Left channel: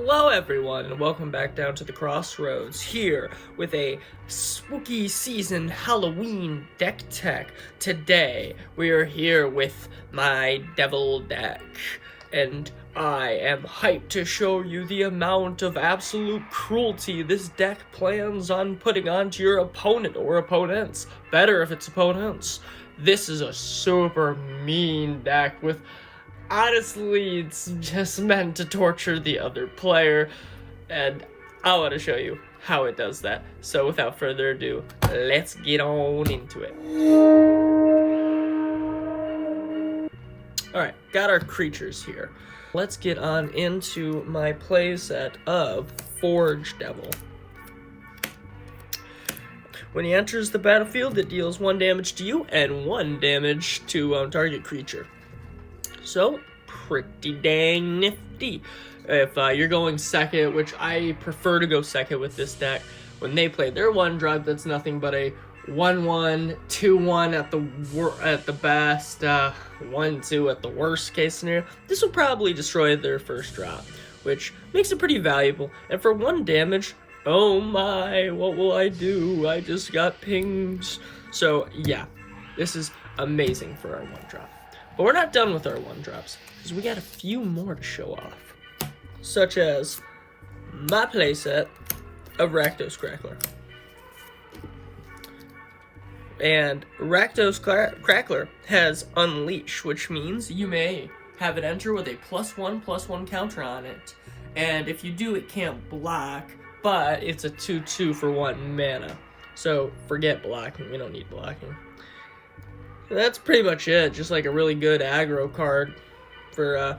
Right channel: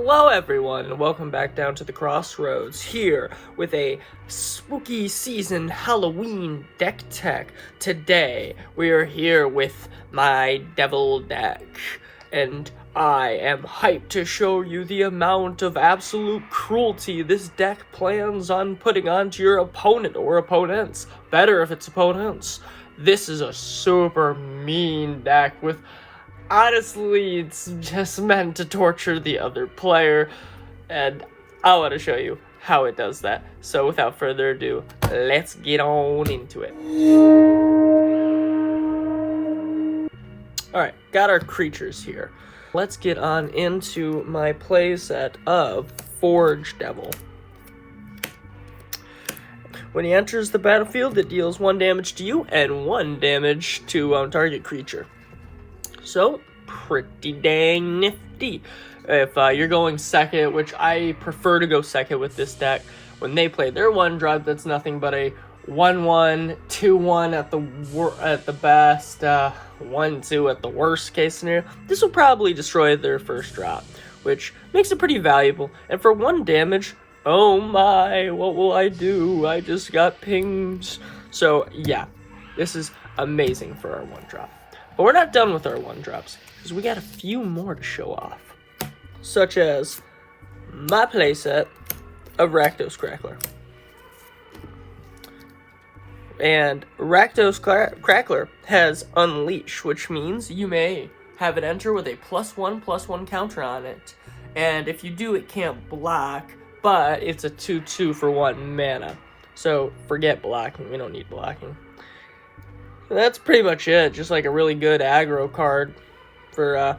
Hello everyone, and welcome back down to the Crossroads here with a spooky season Halloween deck tech. Today we are here with my devil deck, and I am hyped to show you the amount of absolute cruelty this deck plans on putting onto your opponent or opponents. Better if it's opponents. This is a super mean deck with honestly, it's just meant to torture the other player, and I want to show you how it does that. So without further ado, let's get on into it. Alright, got our creatures here. Let's get on into my playset of Forge Devil. When he enters the battlefield, it deals 1 damage to you and 1 damage to target creature. So, pretty dang nifty. If you're going second, which I prefer to go second with this deck, when they play their 1-drop, that's nothing but a 1-1, 2-1 at the best, 1-2 at the worst case scenario. This will probably destroy their first drop, which makes it pretty valuable. And for 1 damage, oh my, what will I do? I just got pinged. So yeah, this is amazing for our 1-drop. But we're not done with our 1-drops, because we got a few more to show off. Such as my playset of Rakdos Crackler. And Rakdos Crackler has Unleash, which means you may have it enter with a +1/+1 counter on it. And if you do, it can't block, but it's a 2/2 for 1 mana. So forget blocking, we don't need blocking. That's pretty much it. Just like a really good aggro card for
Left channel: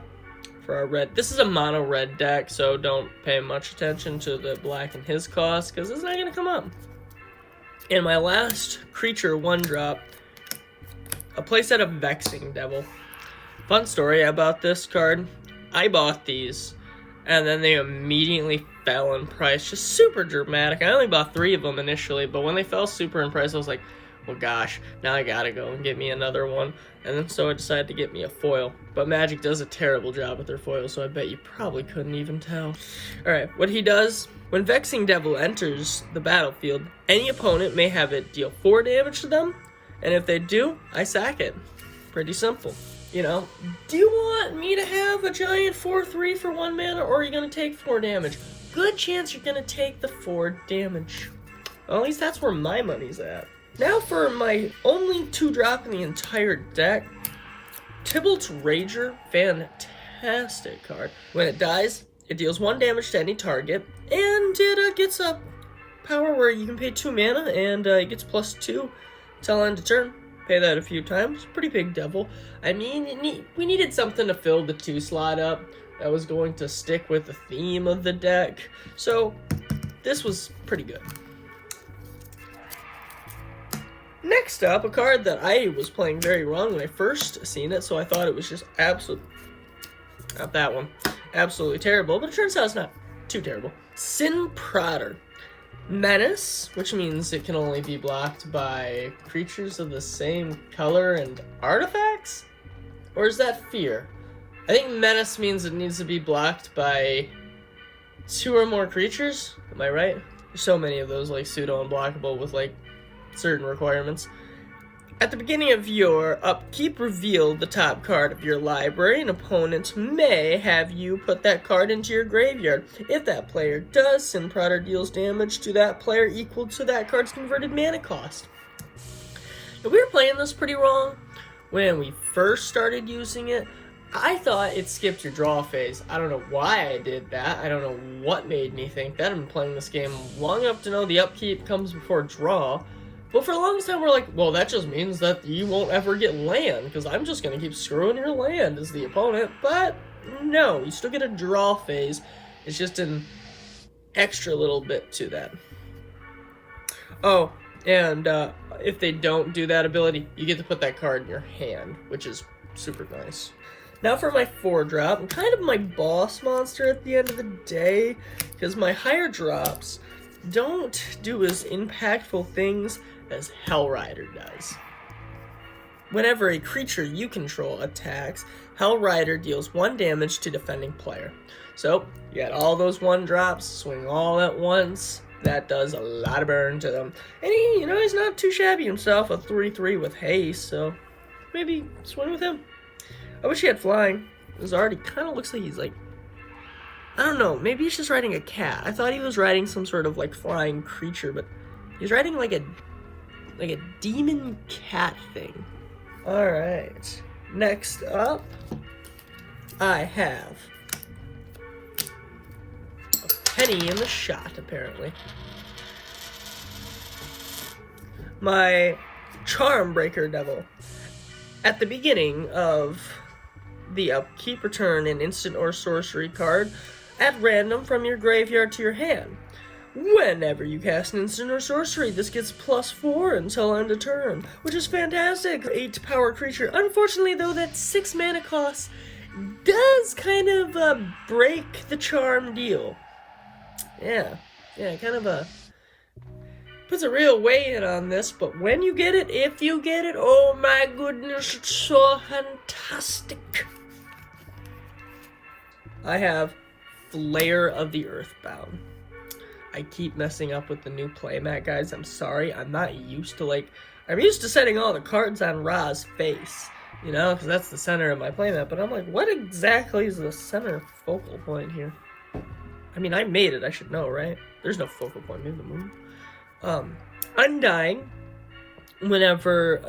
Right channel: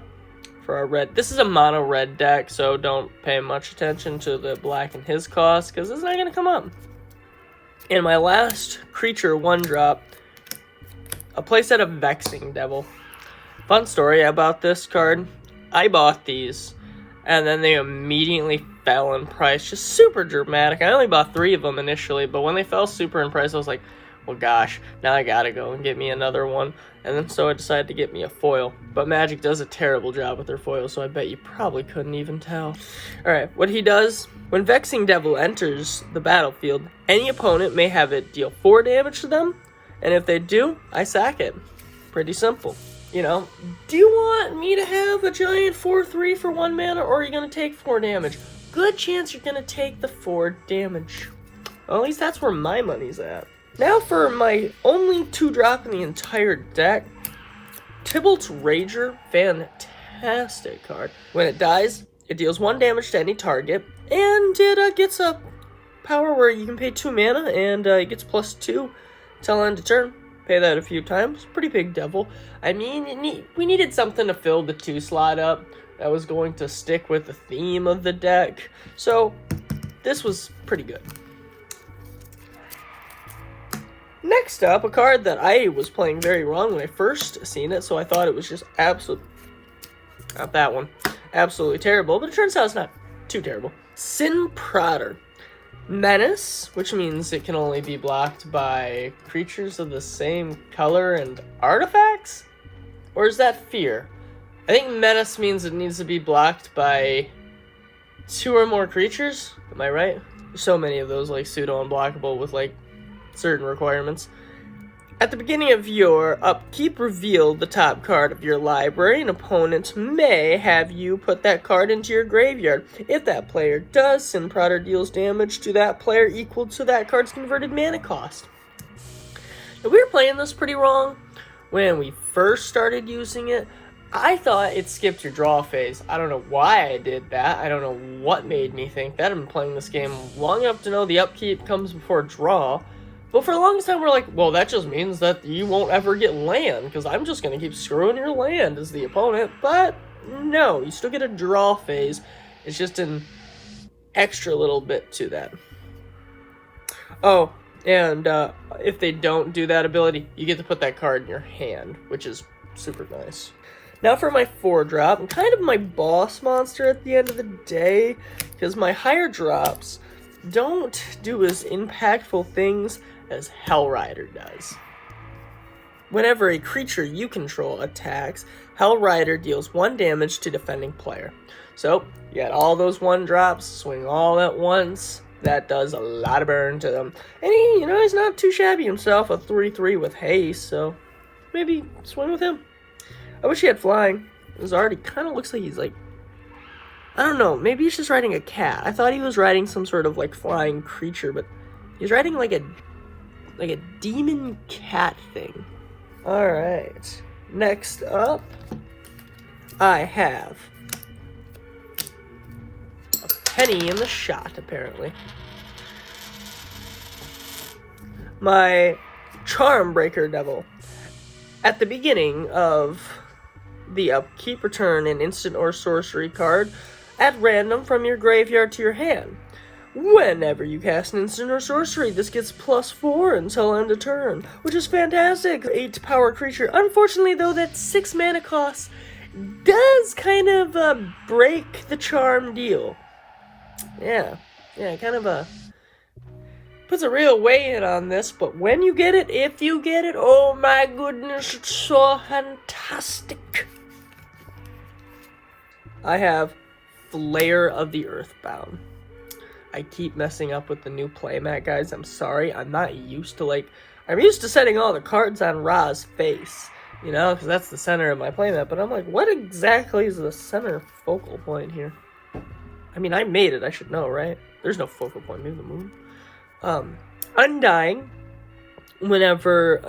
our red. This is a mono red deck, so don't pay much attention to the black and his cost, because it's not going to come up. In my last creature 1-drop, a playset of Vexing Devil. Fun story about this card. I bought these, and then they immediately fell in price. Just super dramatic. I only bought 3 of them initially, but when they fell super in price, I was like, well, gosh, now I gotta go and get me another one. And then so I decided to get me a foil. But Magic does a terrible job with their foils, so I bet you probably couldn't even tell. Alright, what he does, when Vexing Devil enters the battlefield, any opponent may have it deal 4 damage to them, and if they do, I sack it. Pretty simple. You know, do you want me to have a giant 4/3 for 1 mana, or are you gonna take 4 damage? Good chance you're gonna take the 4 damage. Well, at least that's where my money's at. Now for my only 2-drop in the entire deck, Tybalt's Rager. Fantastic card. When it dies, it deals 1 damage to any target, and it gets a power where you can pay 2 mana, and it gets +2 till end of turn. Pay that a few times. Pretty big devil. I mean, we needed something to fill the 2 slot up that was going to stick with the theme of the deck, so this was pretty good. Next up, a card that I was playing very wrong when I first seen it, so I thought it was just not that one, absolutely terrible, but it turns out it's not too terrible. Sin Prodder. Menace, which means it can only be blocked by creatures of the same color and artifacts? Or is that Fear? I think Menace means it needs to be blocked by 2 or more creatures, am I right? There's so many of those, like, pseudo-unblockable with, like, certain requirements. At the beginning of your upkeep, reveal the top card of your library. An opponent may have you put that card into your graveyard. If that player does, Sin Prodder deals damage to that player equal to that card's converted mana cost. Now, we were playing this pretty wrong when we first started using it. I thought it skipped your draw phase. I don't know why I did that. I don't know what made me think that. I've been playing this game long enough to know the upkeep comes before draw. But for the longest time, we're like, well, that just means that you won't ever get land, because I'm just going to keep screwing your land as the opponent. But no, you still get a draw phase. It's just an extra little bit to that. Oh, and if they don't do that ability, you get to put that card in your hand, which is super nice. Now for my 4-drop, I'm kind of my boss monster at the end of the day, because my higher drops don't do as impactful things as Hellrider does. Whenever a creature you control attacks, Hell Rider deals 1 damage to defending player. So, you got all those 1-drops, swing all at once. That does a lot of burn to them. And he, he's not too shabby himself, a 3/3 with haste, so maybe swing with him. I wish he had flying. It already kind of looks like he's like, I don't know, maybe he's just riding a cat. I thought he was riding some sort of like flying creature, but he's riding like a demon cat thing. Alright, next up, I have a penny in the shot, apparently. My Charm Breaker Devil. At the beginning of the upkeep, return an instant or sorcery card at random from your graveyard to your hand. Whenever you cast an instant or sorcery, this gets +4 until end of turn, which is fantastic. 8 power creature. Unfortunately, though, that 6 mana cost does kind of break the charm deal. Yeah, kind of puts a real weight on this, but when you get it, if you get it, oh my goodness, it's so fantastic. I have Flare of the Earthbound. I keep messing up with the new playmat, guys. I'm sorry. I'm not used to, I'm used to setting all the cards on Ra's face, because that's the center of my playmat. But I'm like, what exactly is the center focal point here? I mean, I made it. I should know, right? There's no focal point. Maybe the moon. Undying. Whenever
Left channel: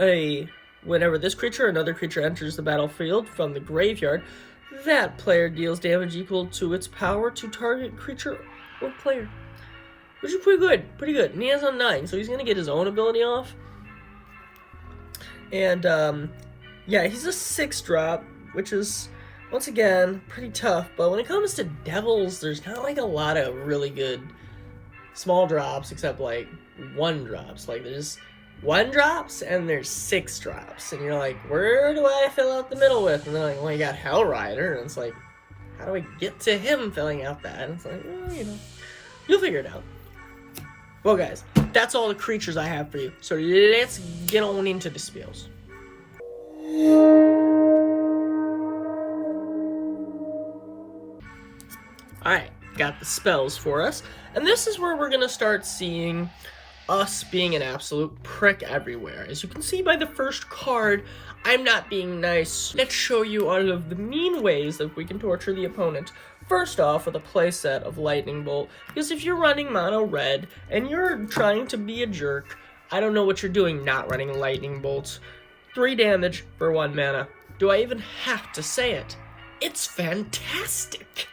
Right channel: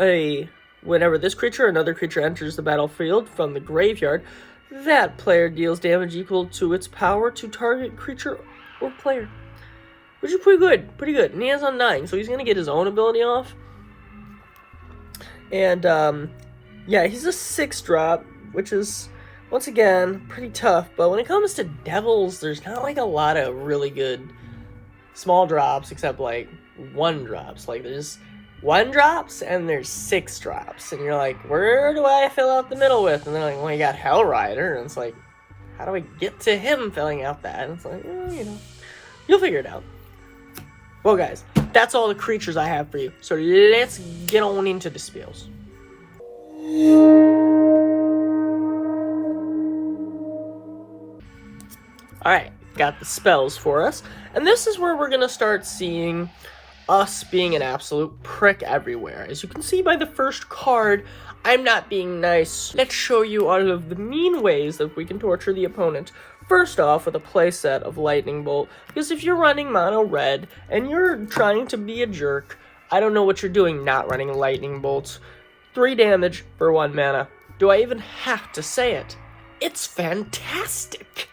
this creature or another creature enters the battlefield from the graveyard, that player deals damage equal to its power to target creature or player. Which is pretty good. And he has Undying, so he's going to get his own ability off. And, yeah, he's a 6-drop, which is, once again, pretty tough. But when it comes to Devils, there's not, a lot of really good small drops, except, 1-drops. There's 1-drops, and there's 6-drops. And you're like, where do I fill out the middle with? And they're like, well, you got Hell Rider. And it's like, how do I get to him filling out that? And it's like, you'll figure it out. Well, guys, that's all the creatures I have for you. So let's get on into the spells. Alright, got the spells for us. And this is where we're going to start seeing us being an absolute prick everywhere. As you can see by the first card, I'm not being nice. Let's show you all of the mean ways that we can torture the opponent. First off, with a playset of Lightning Bolt, because if you're running mono red and you're trying to be a jerk, I don't know what you're doing not running Lightning Bolts. 3 damage for 1 mana. Do I even have to say it? It's fantastic!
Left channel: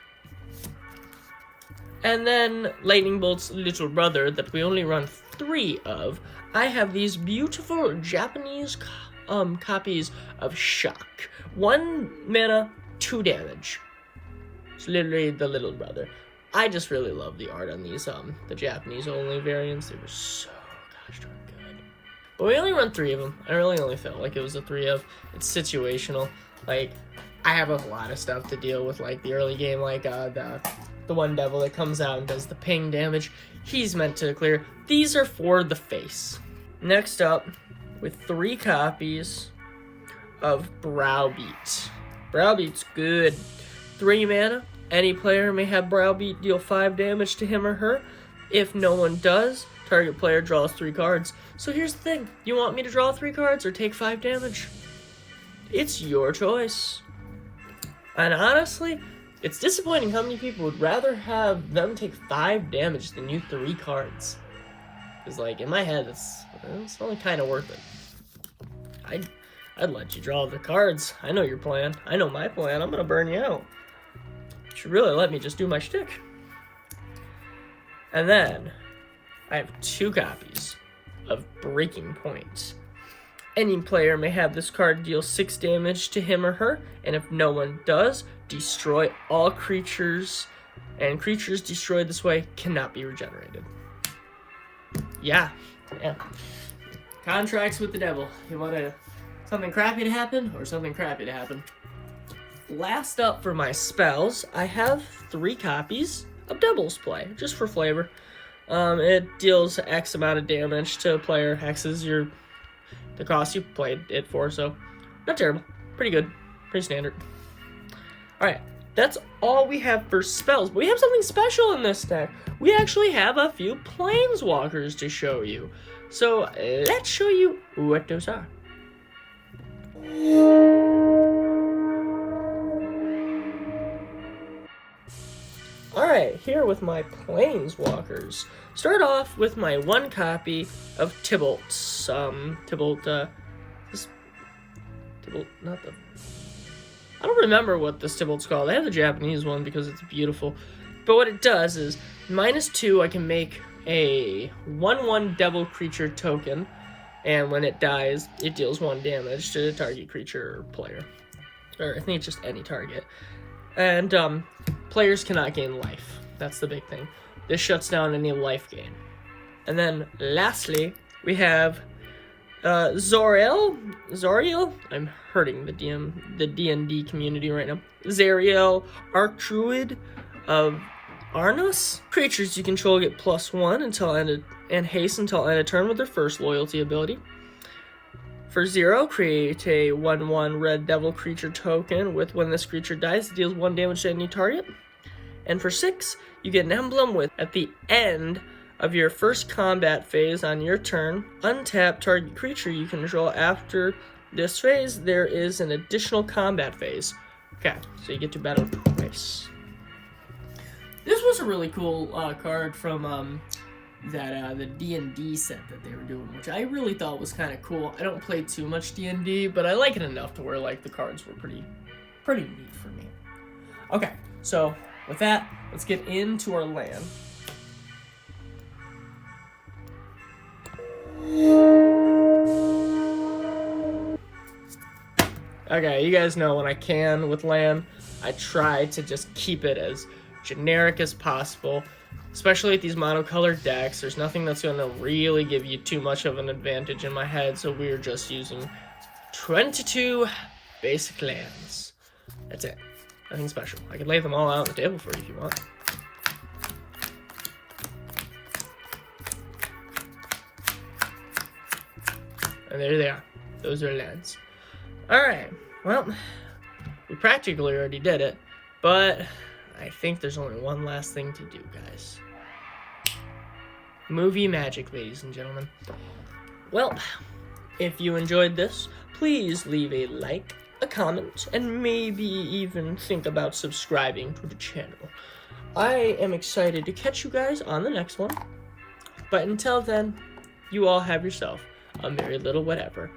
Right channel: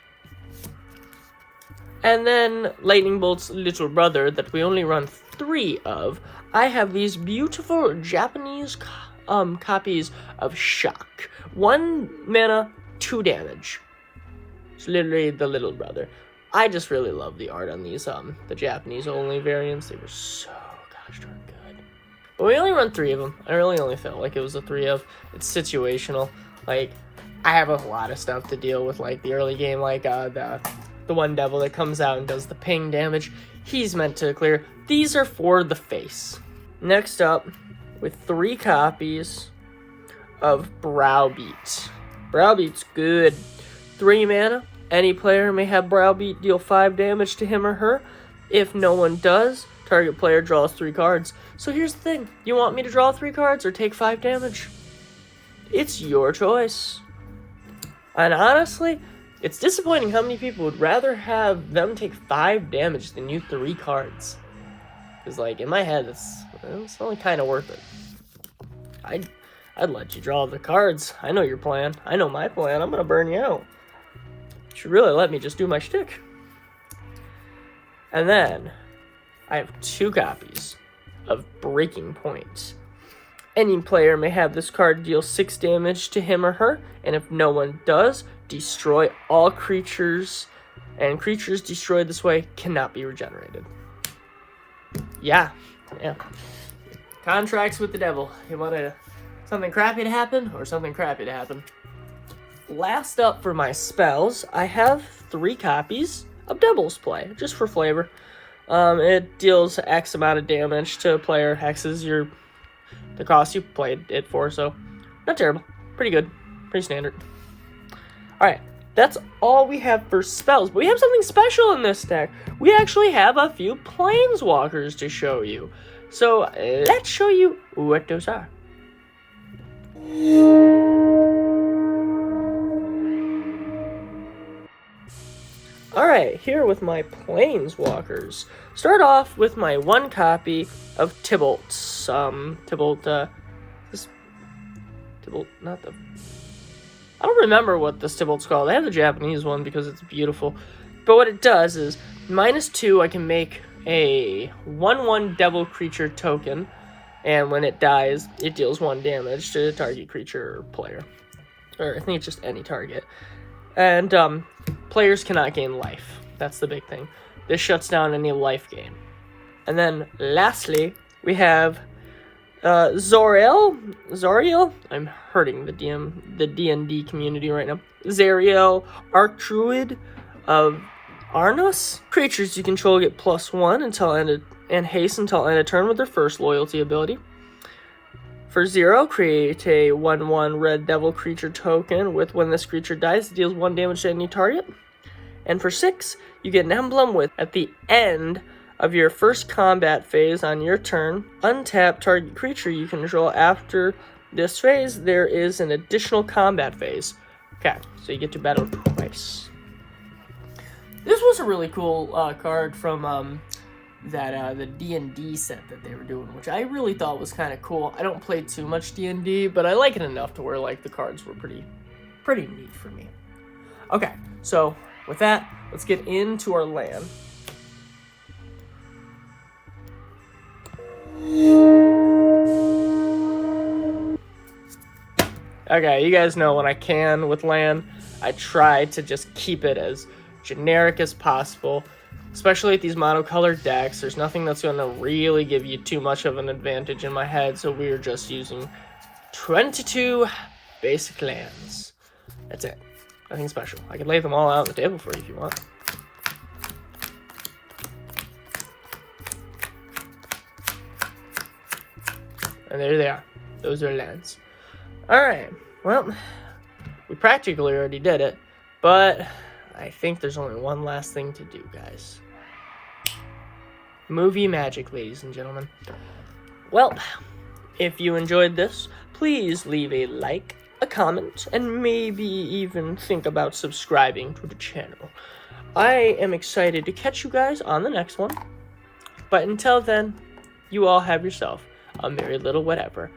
And then Lightning Bolt's little brother that we only run 3 of. I have these beautiful Japanese copies of Shock. 1 mana, 2 damage. It's literally the little brother. I just really love the art on these, the Japanese only variants. They were so gosh darn good. But we only run 3 of them. I really only felt like it was a 3 of. It's situational. I have a lot of stuff to deal with, the early game, the one devil that comes out and does the ping damage. He's meant to clear. These are for the face. Next up, with 3 copies of Browbeat. Browbeat's good. 3 mana, any player may have Browbeat deal 5 damage to him or her. If no one does, target player draws 3 cards. So here's the thing, you want me to draw 3 cards or take 5 damage? It's your choice. And honestly, it's disappointing how many people would rather have them take 5 damage than you 3 cards. Because, in my head, it's only kind of worth it. I'd let you draw the cards. I know your plan. I know my plan. I'm going to burn you out. You should really let me just do my shtick. And then, I have 2 copies of Breaking Point. Any player may have this card deal 6 damage to him or her, and if no one does, destroy all creatures, and creatures destroyed this way cannot be regenerated. Yeah. Contracts with the devil. You want something crappy to happen, or something crappy to happen? Last up for my spells, I have 3 copies of Devil's Play, just for flavor. It deals X amount of damage to a player, hexes your the cost you played it for, so not terrible. Pretty good. Pretty standard. Alright, that's all we have for spells. But we have something special in this deck. We actually have a few planeswalkers to show you. So let's show you what those are. Alright, here with my planeswalkers. Start off with my one copy of Tybalt's. Tybalt, not the... I don't remember what this Tybalt's called. I have the Japanese one because it's beautiful. But what it does is, -2, I can make a 1/1 devil creature token. And when it dies, it deals 1 damage to the target creature or player. Or I think it's just any target. And players cannot gain life. That's the big thing. This shuts down any life gain. And then lastly, we have Zoriel. I'm hurting the D&D community right now. Zariel, Archdruid of Arnos. Creatures you control get +1 until end and haste until end of turn with their first loyalty ability. For 0, create a 1/1 red devil creature token with when this creature dies, it deals 1 damage to any target. And for 6, you get an emblem with, at the end of your first combat phase on your turn, untap target creature you control. After this phase, there is an additional combat phase. Okay, so you get to battle twice. This was a really cool card from the D&D set that they were doing, which I really thought was kind of cool. I don't play too much D&D, but I like it enough to where like the cards were pretty neat for me. Okay, so with that, let's get into our land. Okay, you guys know when I can with land, I try to just keep it as generic as possible. Especially with these monocolored decks, there's nothing that's going to really give you too much of an advantage in my head, so we're just using 22 basic lands. That's it. Nothing special. I can lay them all out on the table for you if you want. And there they are. Those are lands. Alright, well, we practically already did it, but I think there's only one last thing to do, guys. Movie magic, ladies and gentlemen. Well, if you enjoyed this, please leave a like, a comment, and maybe even think about subscribing to the channel. I am excited to catch you guys on the next one. But until then, you all have yourself a merry little whatever.